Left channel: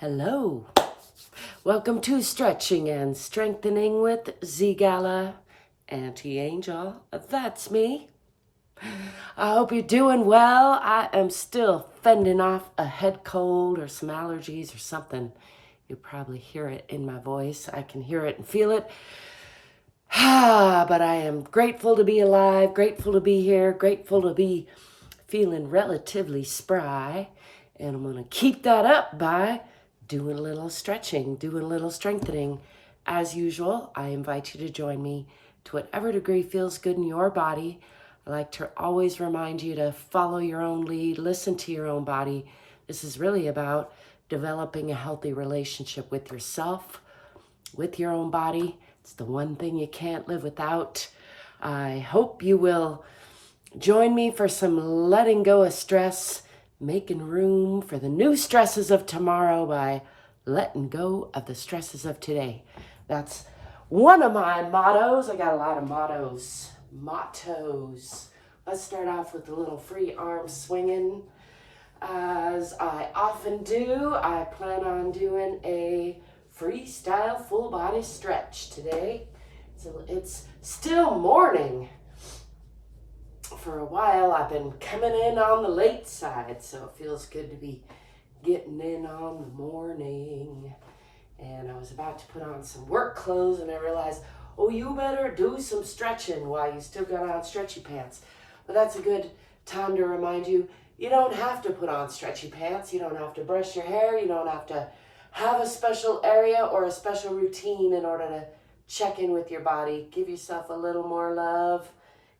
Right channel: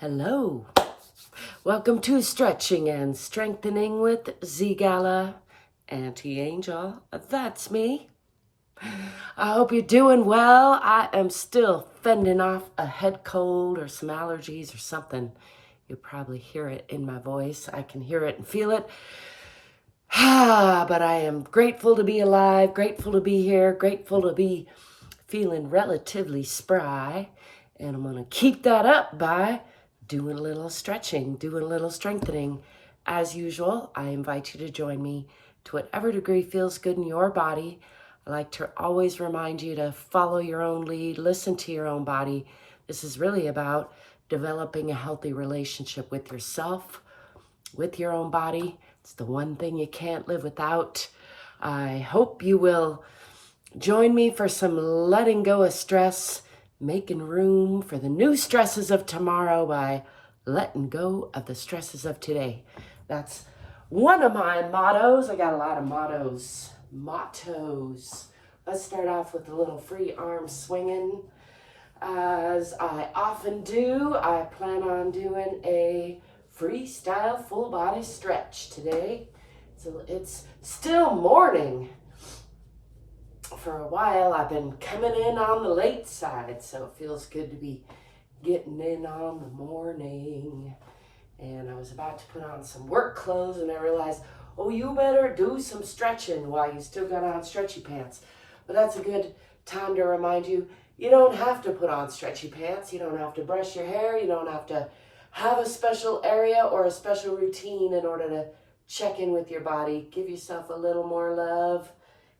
Hello. Welcome to Stretching and Strengthening with ZGALA, Anti-Angel. That's me. I hope you're doing well. I am still fending off a head cold or some allergies or something. You probably hear it in my voice. I can hear it and feel it. But I am grateful to be alive, grateful to be here, grateful to be feeling relatively spry. And I'm going to keep that up by doing a little stretching, doing a little strengthening. As usual, I invite you to join me to whatever degree feels good in your body. I like to always remind you to follow your own lead, listen to your own body. This is really about developing a healthy relationship with yourself, with your own body. It's the one thing you can't live without. I hope you will join me for some letting go of stress, making room for the new stresses of tomorrow by letting go of the stresses of today. That's one of my mottos. I got a lot of mottos. Let's start off with a little free arm swinging. As I often do, I plan on doing a freestyle full body stretch today. So it's still morning. For a while, I've been coming in on the late side, so it feels good to be getting in on the morning. And I was about to put on some work clothes, and I realized, oh, you better do some stretching while you still got on stretchy pants. But that's a good time to remind you, you don't have to put on stretchy pants. You don't have to brush your hair. You don't have to have a special area or a special routine in order to check in with your body. Give yourself a little more love.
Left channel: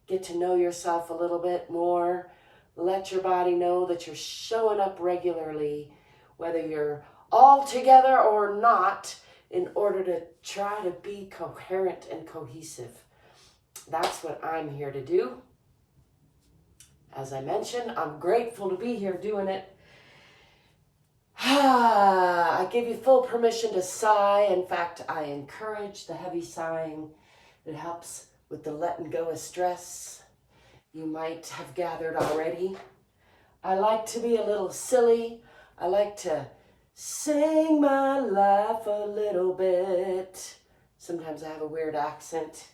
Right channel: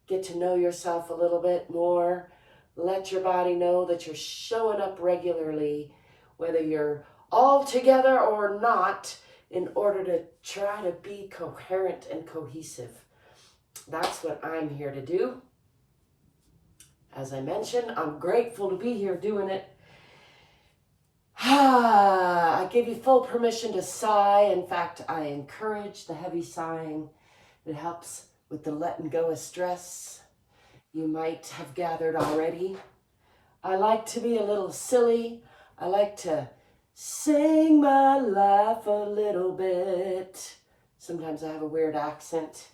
Get to know yourself a little bit more. Let your body know that you're showing up regularly, whether you're all together or not, in order to try to be coherent and cohesive. That's what I'm here to do. As I mentioned, I'm grateful to be here doing it. I give you full permission to sigh. In fact, I encourage the heavy sighing. It helps with the letting go of stress. You might have gathered already. I like to be a little silly. I like to sing my life a little bit. Sometimes I have a weird accent.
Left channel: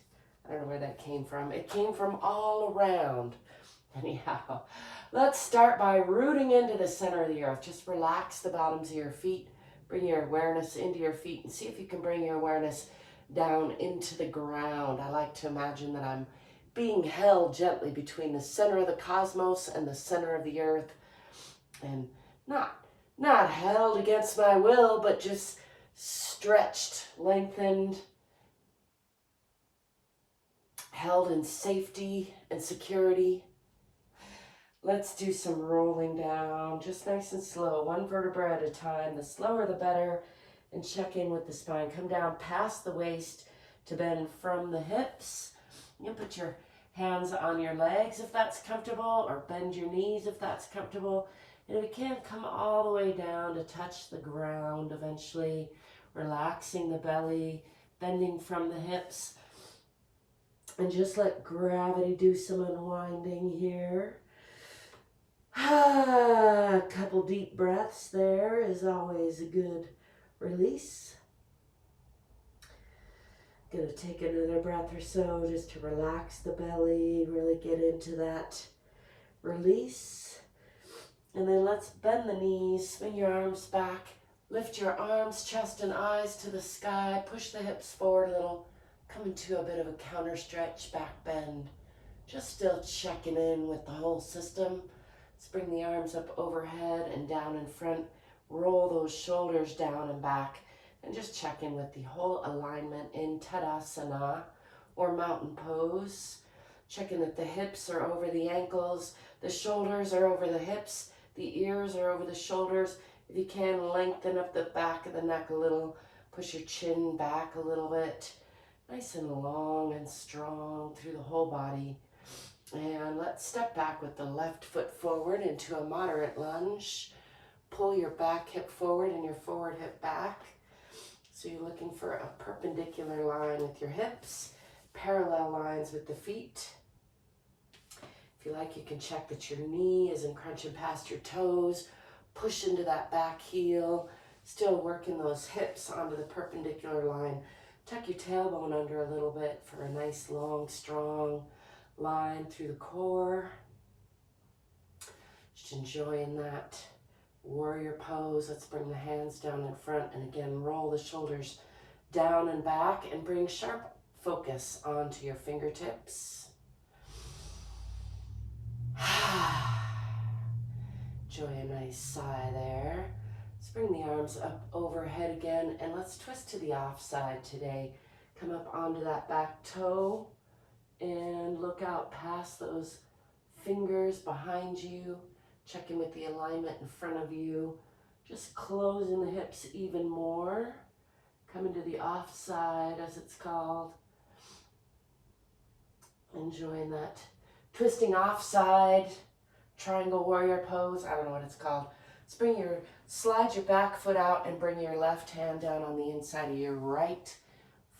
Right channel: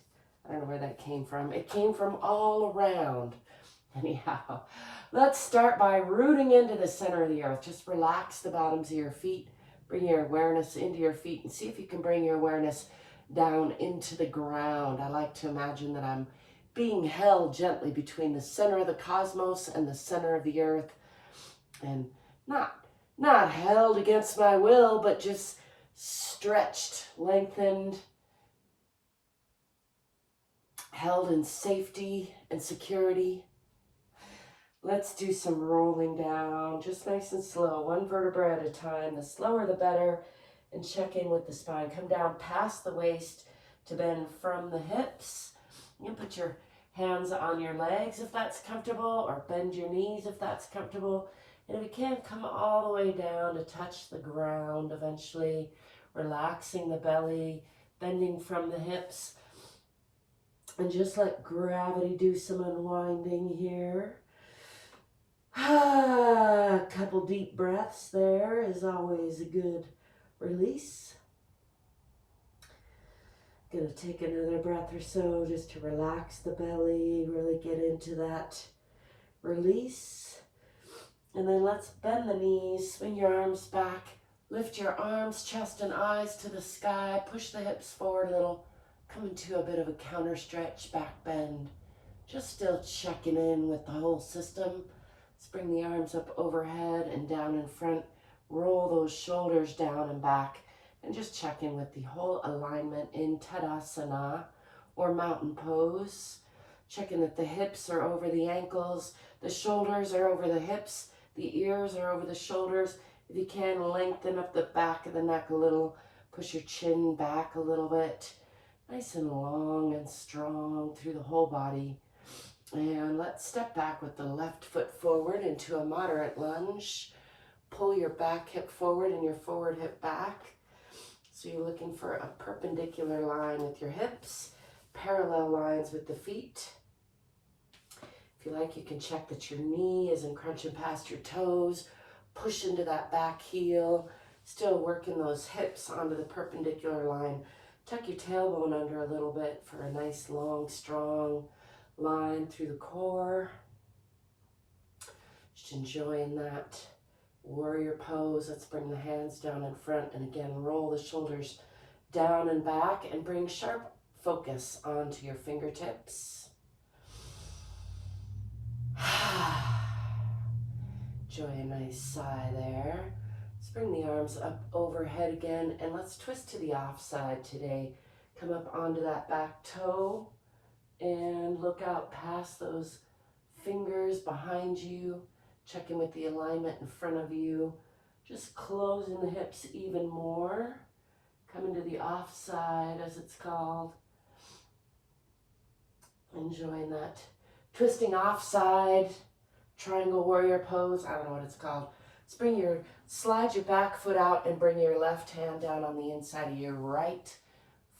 I don't know where that came from. It came from all around. Anyhow, let's start by rooting into the center of the earth. Just relax the bottoms of your feet. Bring your awareness into your feet and see if you can bring your awareness down into the ground. I like to imagine that I'm being held gently between the center of the cosmos and the center of the earth, and not held against my will, but just stretched, lengthened, held in safety and security. Let's do some rolling down, just nice and slow, one vertebra at a time. The slower the better. And check in with the spine. Come down past the waist to bend from the hips. You can put your hands on your legs if that's comfortable, or bend your knees if that's comfortable. And if you can, come all the way down to touch the ground eventually, relaxing the belly, bending from the hips. And just let gravity do some unwinding here. A couple deep breaths there is always a good release. Gonna take another breath or so just to relax the belly, really get into that release. And then let's bend the knees, swing your arms back, lift your arms, chest, and eyes to the sky, push the hips forward a little, come into a bit of a counter stretch, back bend. Just still checking in with the whole system. Let's bring the arms up overhead and down in front. Roll those shoulders down and back, and just check in with the whole alignment in Tadasana or mountain pose. Checking that the hips are over the ankles, the shoulders are over the hips, the ears are over the shoulders. If you can, lengthen up the back of the neck a little, push your chin back a little bit. Nice and long and strong through the whole body. And let's step back with the left foot forward into a moderate lunge. Pull your back hip forward and your forward hip back. So you're looking for a perpendicular line with your hips, parallel lines with the feet. If you like, you can check that your knee isn't crunching past your toes. Push into that back heel. Still working those hips onto the perpendicular line. Tuck your tailbone under a little bit for a nice, long, strong line through the core. Just enjoying that warrior pose. Let's bring the hands down in front and again roll the shoulders down and back and bring sharp focus onto your fingertips. Enjoy a nice sigh there. Let's bring the arms up overhead again and let's twist to the off side today. Come up onto that back toe and look out past those fingers behind you. Check in with the alignment in front of you. Just closing the hips even more. Coming to the off side, as it's called. Enjoying that twisting off side, triangle warrior pose. I don't know what it's called. Let's slide your back foot out and bring your left hand down on the inside of your right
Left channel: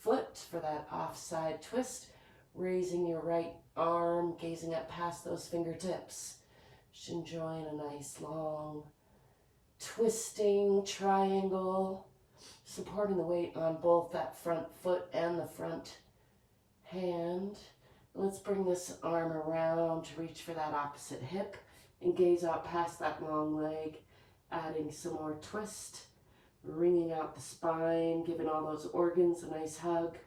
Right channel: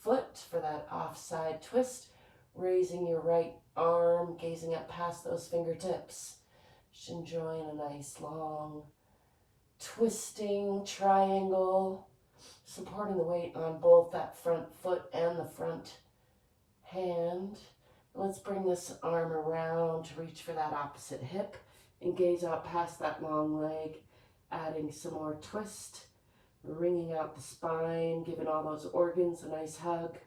foot for that off side twist. Raising your right arm, gazing up past those fingertips. Just enjoying a nice long twisting triangle, supporting the weight on both that front foot and the front hand. Let's bring this arm around to reach for that opposite hip and gaze out past that long leg, adding some more twist, wringing out the spine, giving all those organs a nice hug.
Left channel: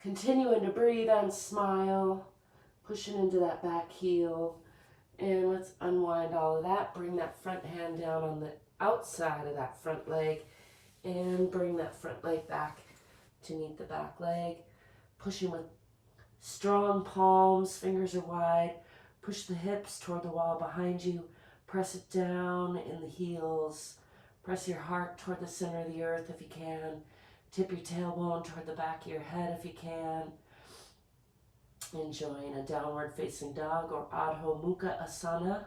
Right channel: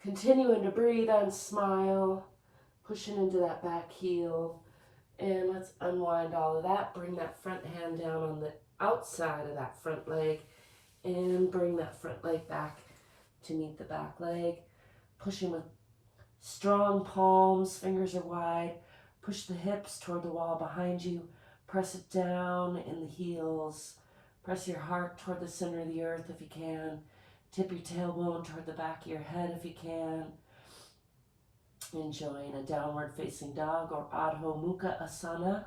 Continuing to breathe and smile, pushing into that back heel. And let's unwind all of that. Bring that front hand down on the outside of that front leg and bring that front leg back to meet the back leg. Pushing with strong palms, fingers are wide. Push the hips toward the wall behind you. Press it down in the heels. Press your heart toward the center of the earth if you can. Tip your tailbone toward the back of your head if you can. Enjoying a downward facing dog or Adho Mukha Asana.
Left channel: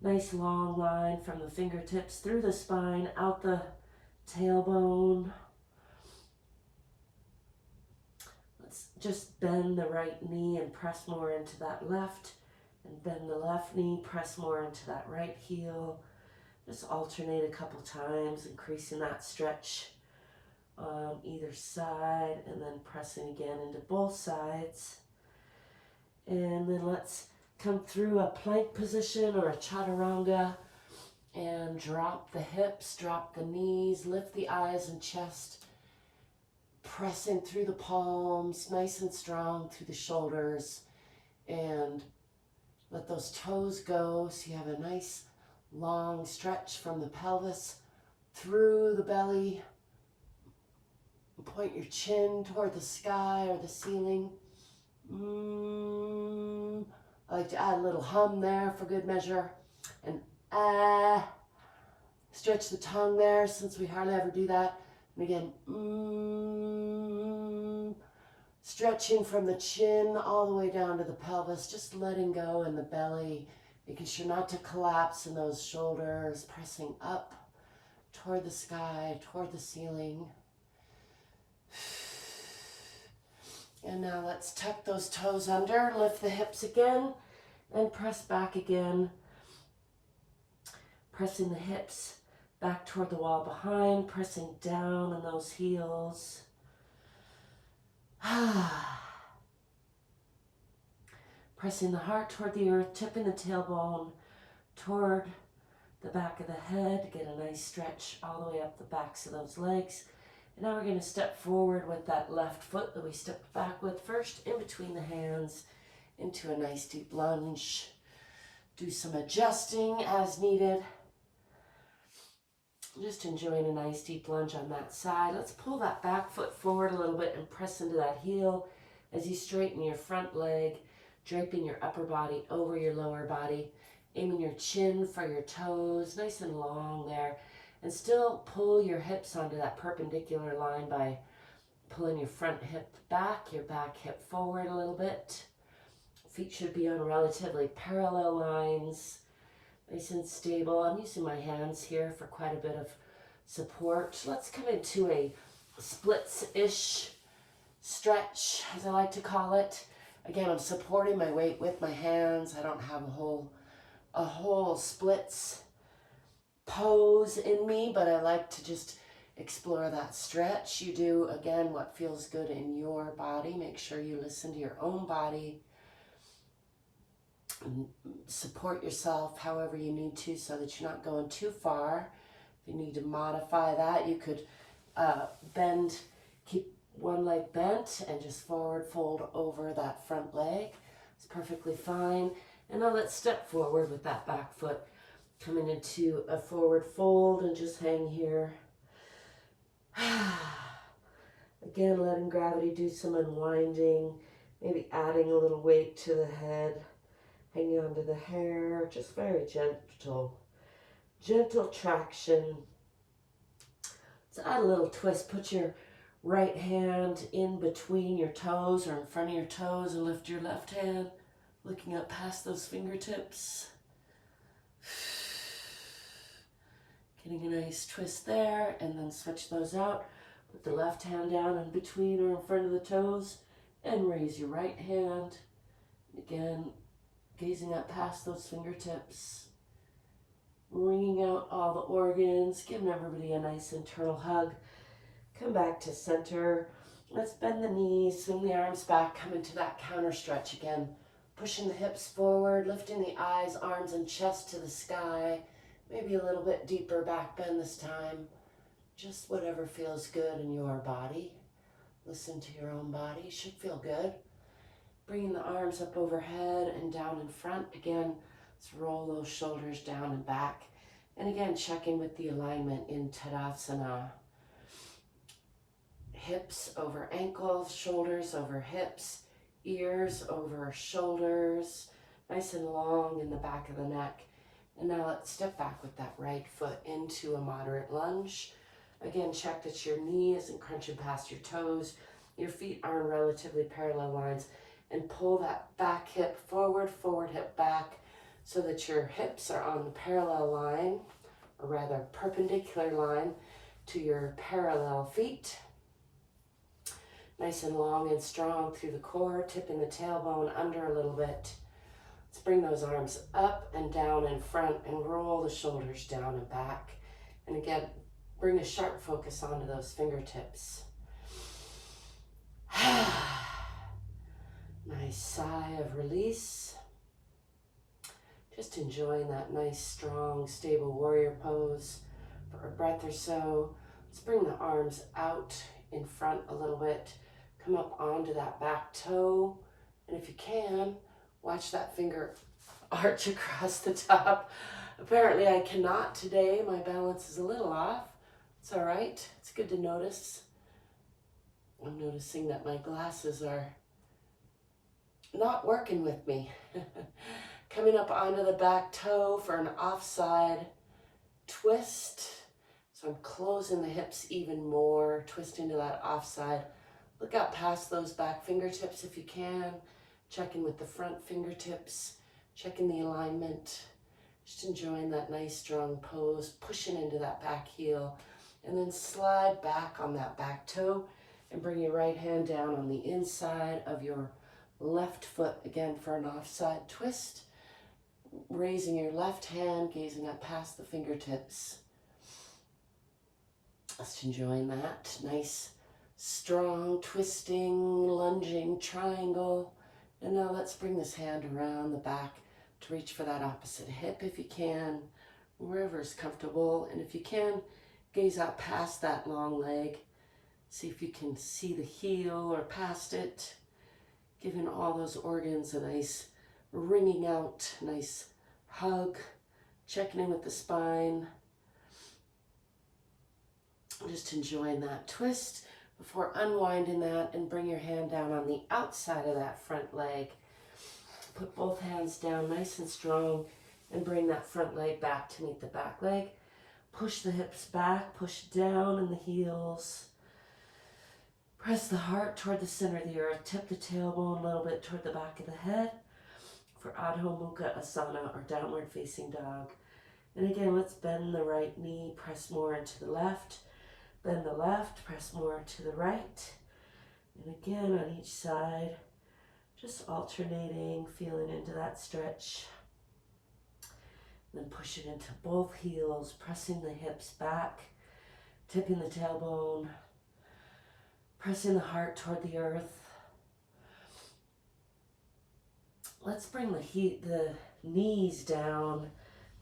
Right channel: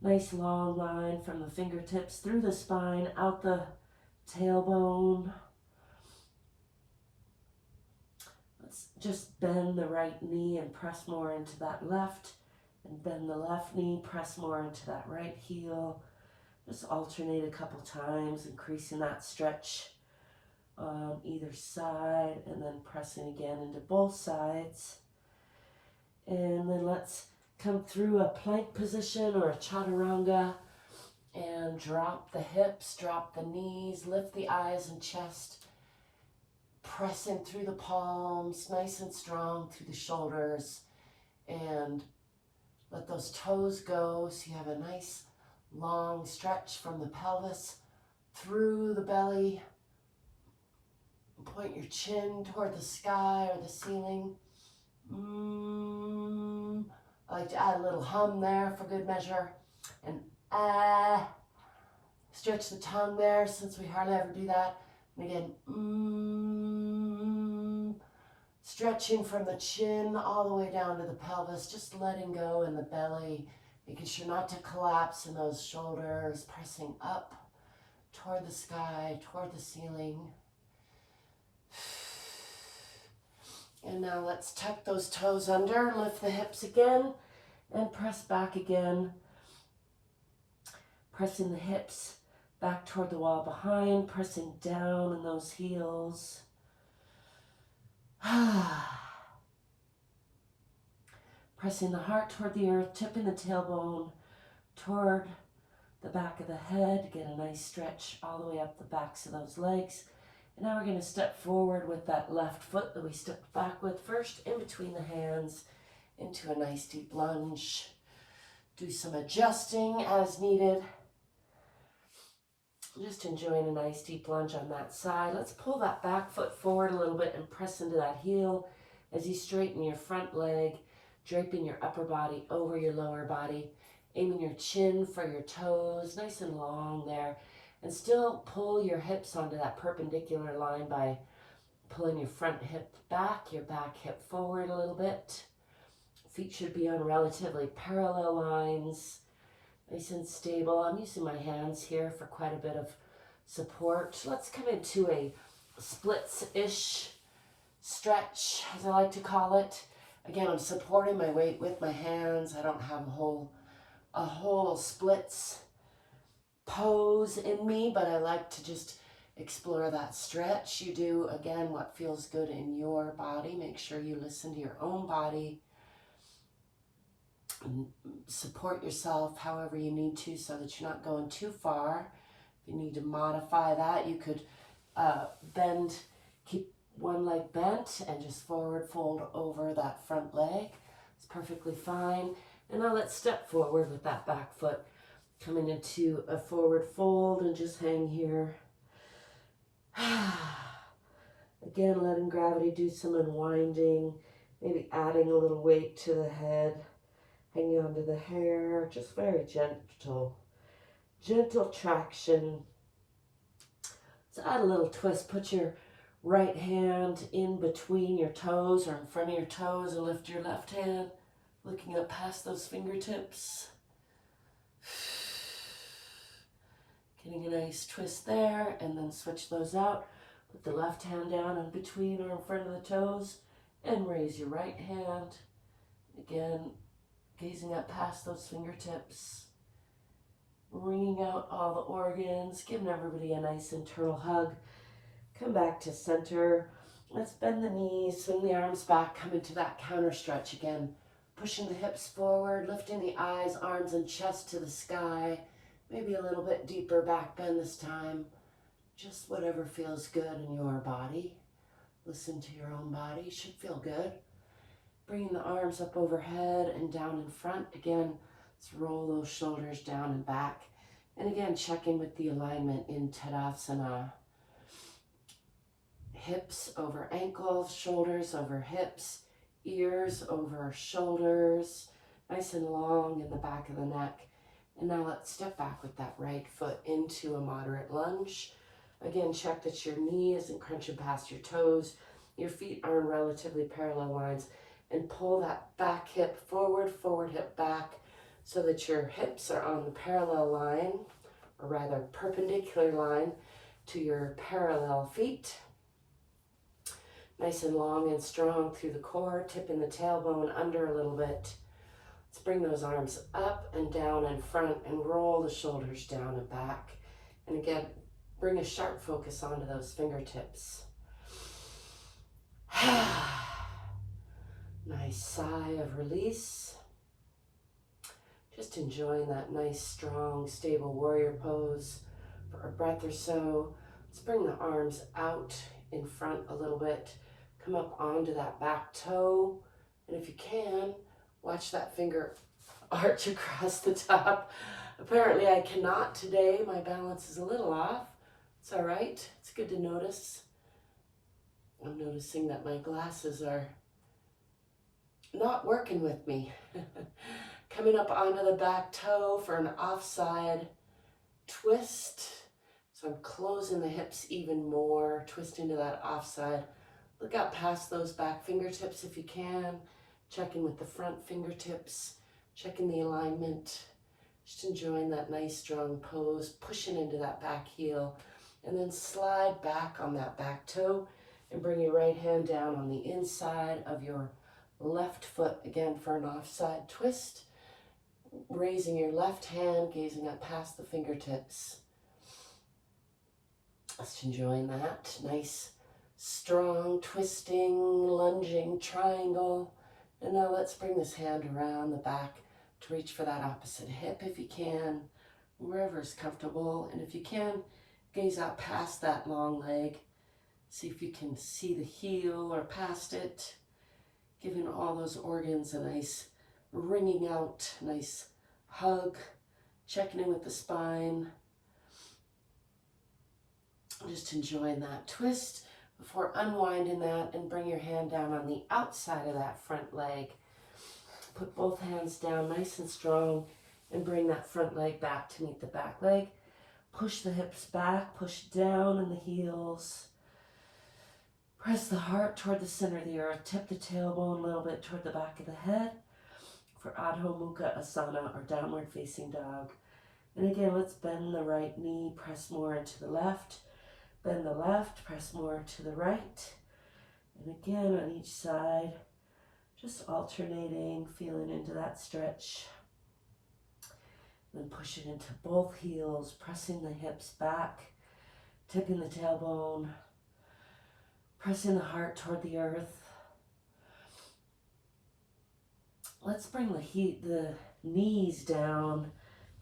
Nice long line from the fingertips through the spine, out the tailbone. Let's just bend the right knee and press more into that left. And bend the left knee, press more into that right heel. Just alternate a couple times, increasing that stretch on either side and then pressing again into both sides. And then let's come through a plank position or a chaturanga and drop the hips, drop the knees, lift the eyes and chest, pressing through the palms, nice and strong through the shoulders, and let those toes go so you have a nice long stretch from the pelvis through the belly. Point your chin toward the sky or the ceiling. I like to add a little hum there for good measure. And stretch the tongue there since we hardly ever do that. And again, stretching from the chin all the way down to the pelvis, just letting go in the belly. Making sure not to collapse in those shoulders, pressing up toward the sky, toward the ceiling. And now let's tuck those toes under, lift the hips again, and press back again. Pressing the hips back toward the wall behind, pressing down in those heels. Pressing the heart toward the earth, tipping the tailbone toward the back of the head. Get a nice stretch all the way up the backs of those legs. And now we're going to step forward with that left foot that we stepped back with first, in between the hands, into a nice deep lunge. Do some adjusting as needed. Just enjoying a nice deep lunge on that side. Let's pull that back foot forward a little bit and press into that heel as you straighten your front leg, draping your upper body over your lower body, aiming your chin for your toes, nice and long there. And still pull your hips onto that perpendicular line by pulling your front hip back, your back hip forward a little bit. Feet should be on relatively parallel lines, nice and stable. I'm using my hands here for quite a bit of support. Let's come into a splits-ish stretch, as I like to call it. Again, I'm supporting my weight with my hands. I don't have a whole splits pose in me, but I like to just explore that stretch. You do, again, what feels good in your body. Make sure you listen to your own body and support yourself however you need to so that you're not going too far. If you need to modify that, you could bend, keep one leg bent and just forward fold over that front leg. It's perfectly fine. And now let's step forward with that back foot coming into a forward fold and just hang here. Again, letting gravity do some unwinding, maybe adding a little weight to the head, hanging onto the hair, just very gentle traction. Let's add a little twist. Put your right hand in between your toes or in front of your toes and lift your left hand, looking up past those fingertips. Getting a nice twist there, and then switch those out. Put the left hand down in between or in front of the toes and raise your right hand. Again, gazing up past those fingertips, wringing out all the organs, giving everybody a nice internal hug. Come back to center. Let's bend the knees, swing the arms back, come into that counter stretch again. Pushing the hips forward, lifting the eyes, arms, and chest to the sky. Maybe a little bit deeper back bend this time. Just whatever feels good in your body. Listen to your own body. Should feel good. Bringing the arms up overhead and down in front. Again, let's roll those shoulders down and back. And again, checking with the alignment in Tadasana. Hips over ankles, shoulders over hips, ears over shoulders. Nice and long in the back of the neck. And now let's step back with that right foot into a moderate lunge. Again, check that your knee isn't crunching past your toes. Your feet are in relatively parallel lines. And pull that back hip forward, forward hip back, so that your hips are on the parallel line, or rather perpendicular line to your parallel feet. Nice and long and strong through the core, tipping the tailbone under a little bit. Let's bring those arms up and down in front and roll the shoulders down and back. And again, bring a sharp focus onto those fingertips. Nice sigh of release. Just enjoying that nice, strong, stable warrior pose for a breath or so. Let's bring the arms out in front a little bit. Come up onto that back toe. And if you can, watch that finger arch across the top. Apparently I cannot today. My balance is a little off. It's all right. It's good to notice. I'm noticing that my glasses are not working with me. Coming up onto the back toe for an offside twist. So I'm closing the hips even more, twisting to that offside. Look out past those back fingertips if you can. Checking with the front fingertips, checking the alignment. Just enjoying that nice strong pose, pushing into that back heel. And then slide back on that back toe and bring your right hand down on the inside of your left foot, again for an offside twist. Raising your left hand, gazing up past the fingertips. Just enjoying that nice, strong, twisting, lunging triangle. And now let's bring this hand around the back to reach for that opposite hip if you can, wherever is comfortable. And if you can, gaze out past that long leg. See if you can see the heel or past it, giving all those organs a nice wringing out, nice hug, checking in with the spine. Just enjoying that twist before unwinding that, and bring your hand down on the outside of that front leg. Put both hands down nice and strong and bring that front leg back to meet the back leg. Push the hips back, push down in the heels. Press the heart toward the center of the earth. Tip the tailbone a little bit toward the back of the head for Adho Mukha Asana, or downward facing dog. And again, let's bend the right knee, press more into the left. Bend the left, press more to the right. And again, on each side, Just alternating, feeling into that stretch. Then push it into both heels, pressing the hips back, tipping the tailbone, pressing the heart toward the earth. Let's bring the knees down,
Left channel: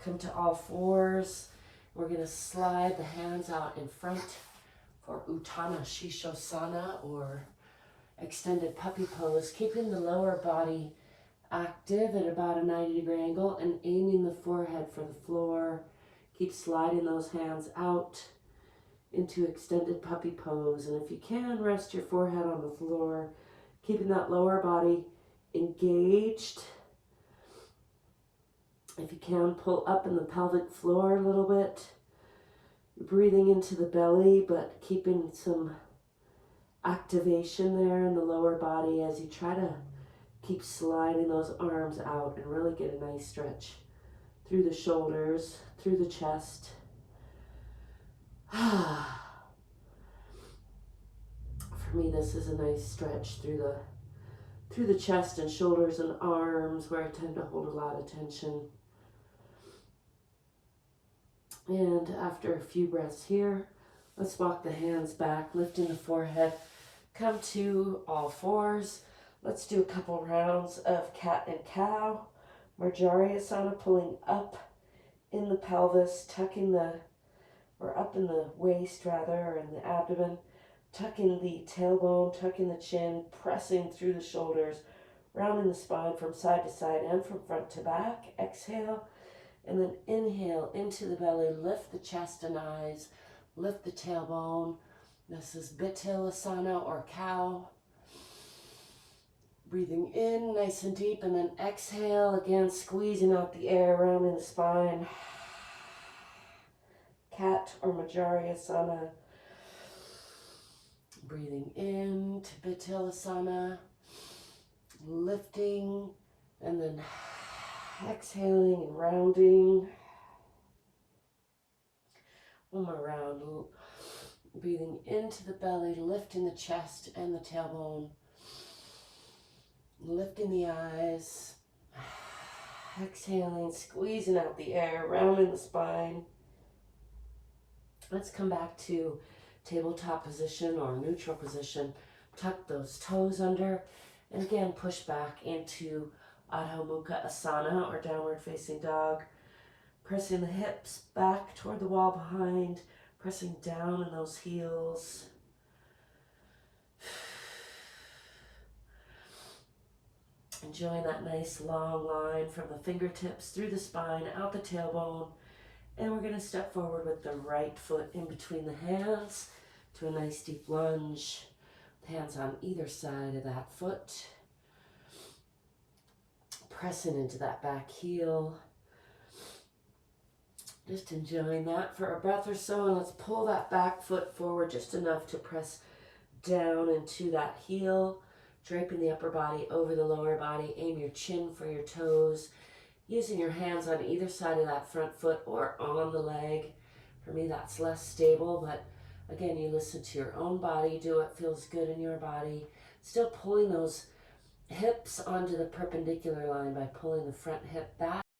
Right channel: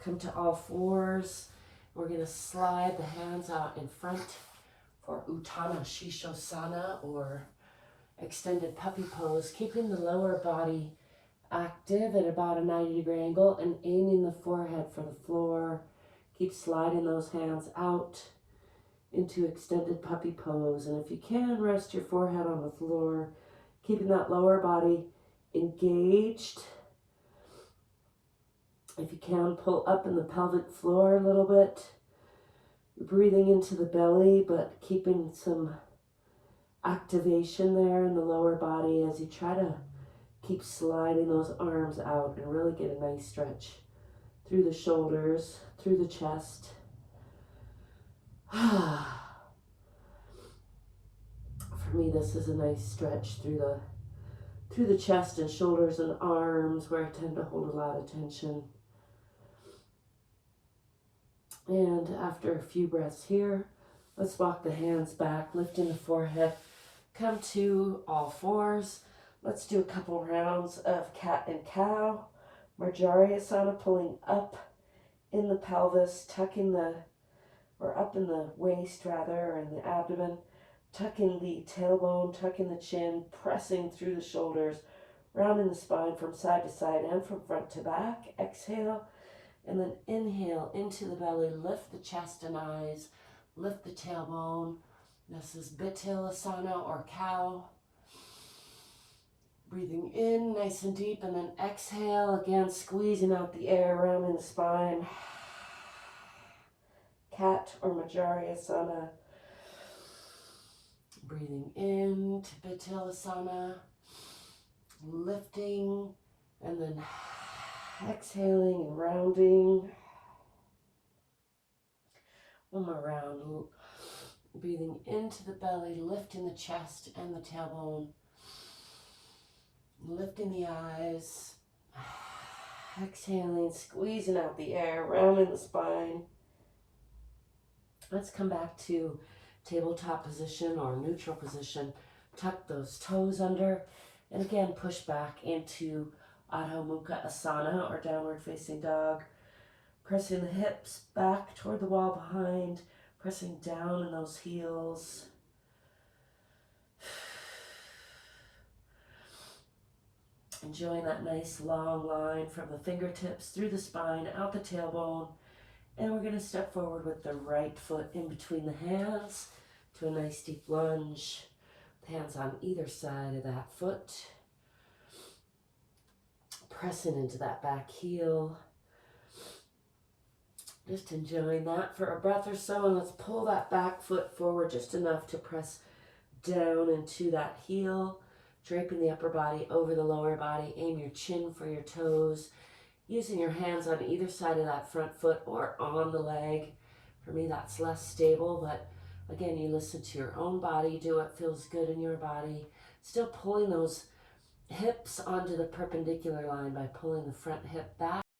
come to all fours. We're going to slide the hands out in front for Uttanasana Shishosana, or extended puppy pose, keeping the lower body active at about a 90-degree angle and aiming the forehead for the floor. Keep sliding those hands out into extended puppy pose. And if you can, rest your forehead on the floor, keeping that lower body engaged. If you can, pull up in the pelvic floor a little bit, breathing into the belly, but keeping some activation there in the lower body as you try to keep sliding those arms out and really get a nice stretch through the shoulders, through the chest. For me, this is a nice stretch through the chest and shoulders and arms, where I tend to hold a lot of tension. And after a few breaths here, let's walk the hands back, lifting the forehead. Come to all fours. Let's do a couple rounds of cat and cow. Marjariyasana, pulling up in the pelvis, up in the waist rather, or in the abdomen. Tucking the tailbone, tucking the chin, pressing through the shoulders, rounding the spine from side to side and from front to back. Exhale, and then inhale into the belly. Lift the chest and eyes, lift the tailbone. This is Bitilasana or cow. Breathing in nice and deep, and then exhale, again squeezing out the air, rounding the spine. Cat or Marjariyasana. Breathing in to Bitilasana, lifting, and then exhaling and rounding. One more round. Breathing into the belly, lifting the chest and the tailbone, lifting the eyes, exhaling, squeezing out the air, rounding the spine. Let's come back to tabletop position or neutral position. Tuck those toes under, and again push back into Adho Mukha Asana or downward facing dog. Pressing the hips back toward the wall behind, pressing down in those heels. Enjoying that nice long line from the fingertips through the spine, out the tailbone. And we're going to step forward with the right foot in between the hands to a nice deep lunge. Hands on either side of that foot. Pressing into that back heel. Just enjoying that for a breath or so. And let's pull that back foot forward just enough to press down into that heel. Draping the upper body over the lower body. Aim your chin for your toes. Using your hands on either side of that front foot or on the leg. For me, that's less stable, but again, you listen to your own body. Do what feels good in your body. Still pulling those hips onto the perpendicular line by pulling the front hip back.